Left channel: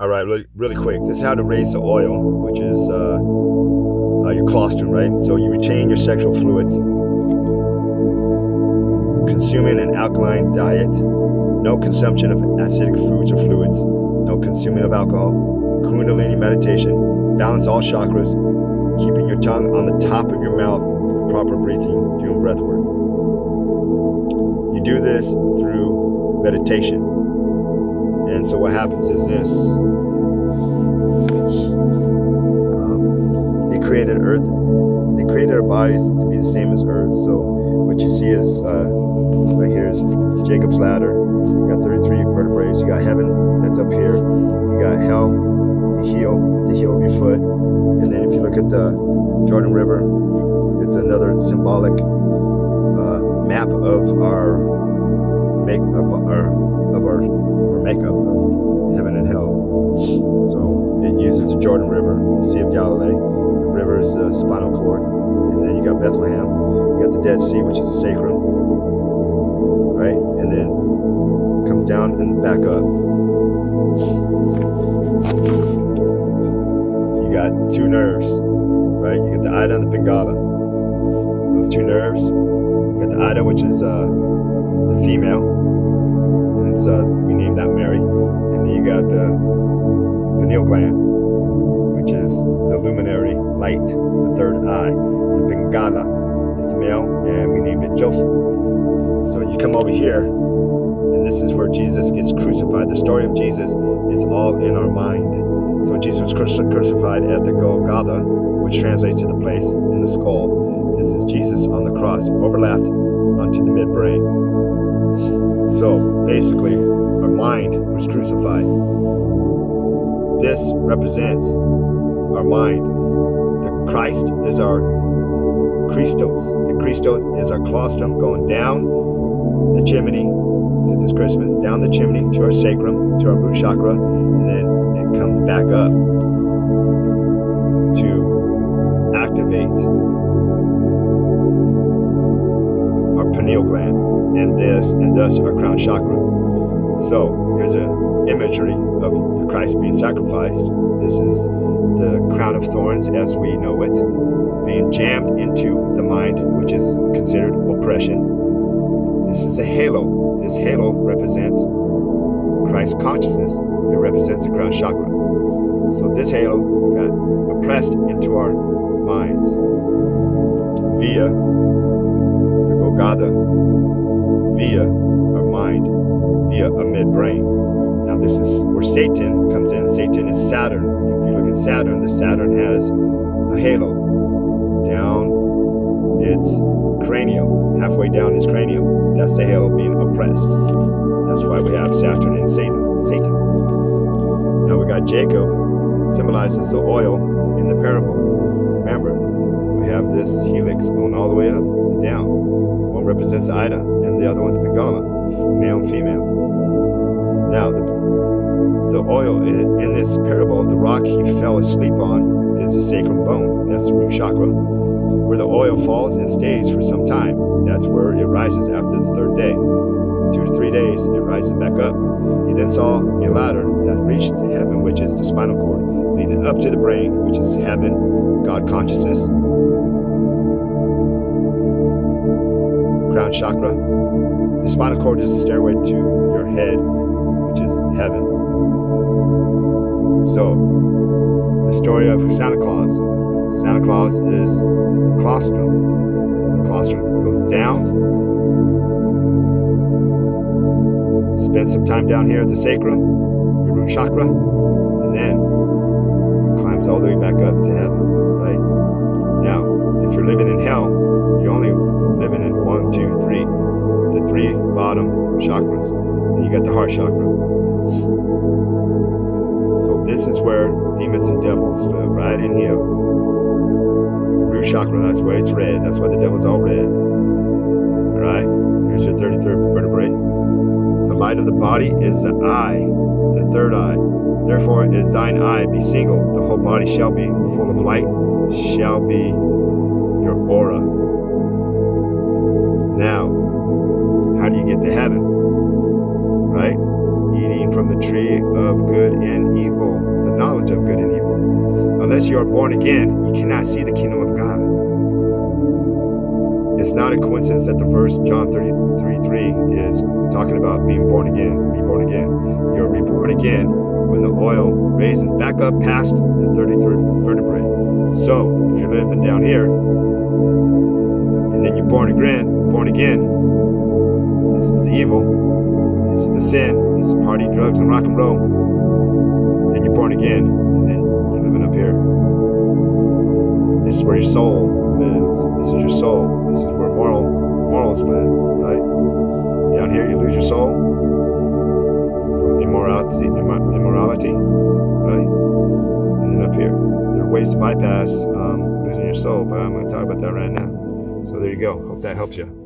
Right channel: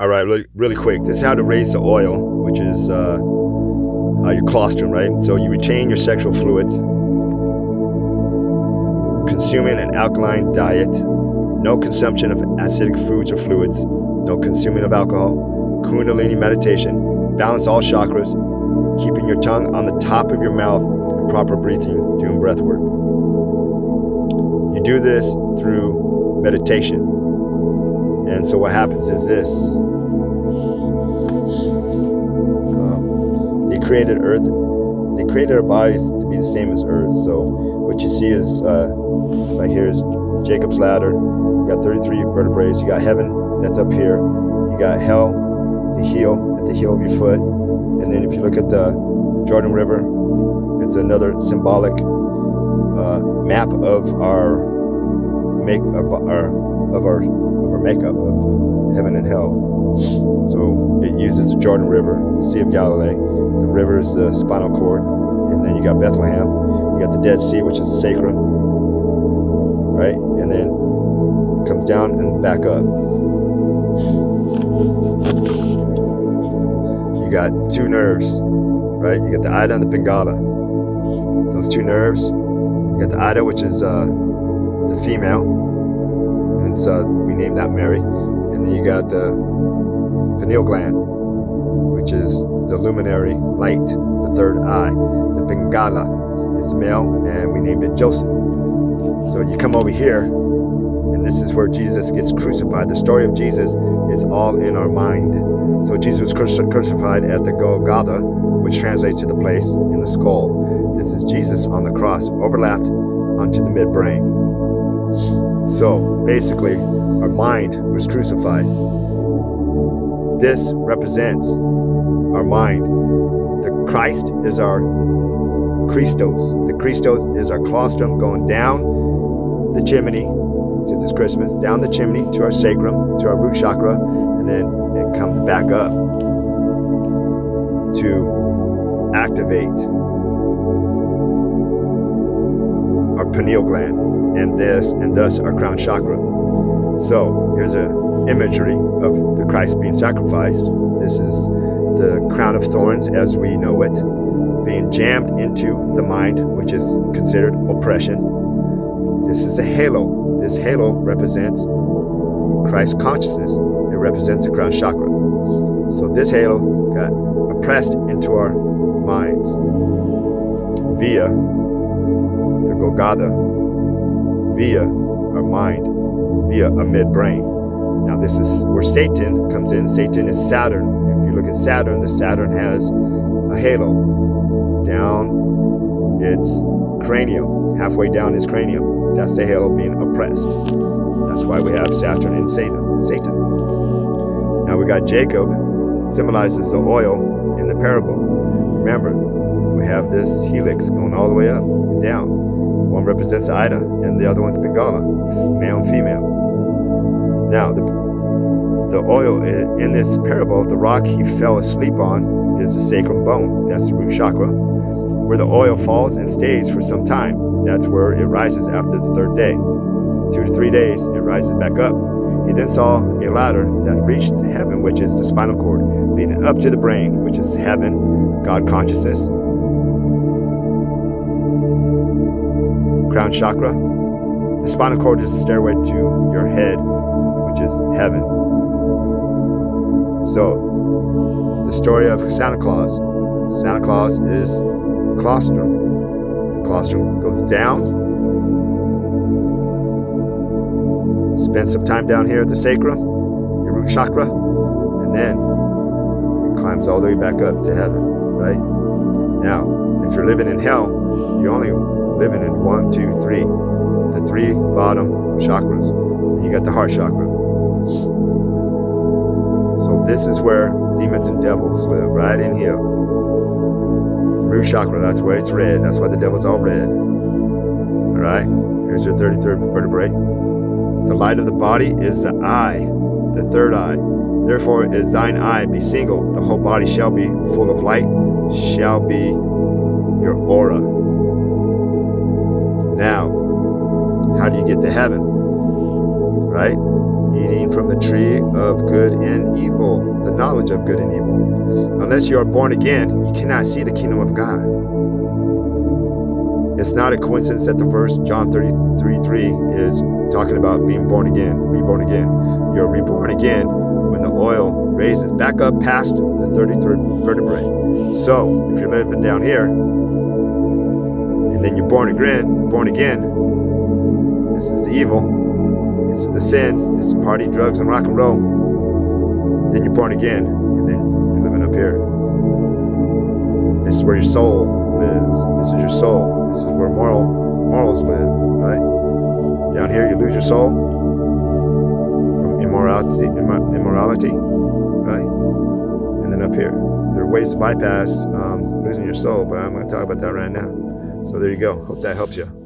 All right, really quick. This is how to raise the oil, which is your colostrum, right? So you retain your sexual fluids, consuming an alkaline diet, no consumption of acidic foods or fluids, no consuming of alcohol, Kundalini meditation, balance all chakras, keeping your tongue on the top of your mouth, and proper breathing, doing breath work. You do this through meditation. And so what happens is this. They created Earth. They created our bodies to be the same as Earth. So what you see is, right here is Jacob's ladder. You got 33 vertebrae. You got heaven, that's up here. You got hell, the heel, at the heel of your foot. And then if you look at the Jordan River, it's another symbolic map of our makeup of heaven and hell. So it uses the Jordan River, the Sea of Galilee. The river is the spinal cord, and then you got Bethlehem. You got the Dead Sea, which is the sacrum, right? And then it comes down and back up. You got two nerves, right? You got the Ida and the Pingala. Those two nerves. You got the Ida, which is the female, and it's we named that Mary. And then you got the pineal gland, which is the luminary light, the third eye. The Pingala is the male, and we named it Joseph. So you come over here, and this is where Jesus gets crucified. The story of Jesus is all in our mind. So Jesus was crucified at the Golgotha, which translates to the place in the skull. This is Jesus on the cross, overlapped onto the midbrain. So basically, our mind was crucified. This represents our mind. The Christ is our Christos. The Christos is our colostrum going down the chimney, since it's Christmas, down the chimney to our sacrum, to our root chakra, and then it comes back up to activate our pineal gland, and thus our crown chakra. So here's an imagery of the Christ being sacrificed. This is the crown of thorns as we know it, being jammed into the mind, which is considered oppression. This is a halo. This halo represents Christ's consciousness. It represents the crown chakra. So this halo got oppressed into our minds via the Golgotha, via our mind, via a midbrain. Now this is where Satan comes in. Satan is Saturn. If you look at Saturn, the Saturn has a halo down its cranium, halfway down his cranium. That's the halo being oppressed. That's why we have Saturn and Satan. Now we got Jacob, symbolizes the oil in the parable. Remember, we have this helix going all the way up and down. One represents Ida, and the other one's Pingala, male and female. Now, the oil in this parable, the rock he fell asleep on is the sacrum bone. That's the root chakra, where the oil falls and stays for some time. That's where it rises after the third day. 2 to 3 days, it rises back up. He then saw a ladder that reached heaven, which is the spinal cord, leading up to the brain, which is heaven, God consciousness, crown chakra. The spinal cord is the stairway to your head, which is heaven. So, the story of Santa Claus. Santa Claus is the colostrum. The colostrum goes down, spend some time down here at the sacrum, your root chakra, and then it climbs all the way back up to heaven, right? Now, if you're living in hell, you're only living in 1, 2, 3, the 3 bottom chakras. Then you got the heart chakra. So this is where demons and devils live, right in here. The root chakra, that's why it's red. That's why the devil's all red. All right, here's your 33rd vertebrae. The light of the body is the eye, the third eye. Therefore is thine eye be single. The whole body shall be full of light, shall be your aura. Now, how do you get to heaven? Right? eating from the tree of good and evil, the knowledge of good and evil. Unless you are born again, you cannot see the kingdom of God. It's not a coincidence that the verse John 33:3 is talking about being born again, reborn again. You're reborn again when the oil raises back up past the 33rd vertebrae. So if you're living down here, and then you're born again, this is the evil, this is the sin, this is party, drugs, and rock and roll. Then you're born again, and then you're living up here. This is where your soul lives. This is your soul. This is where morals live, right? Down here, you lose your soul from immorality, right? And then up here, there are ways to bypass losing your soul, but I'm going to talk about that right now. So there you go. Hope that helps you.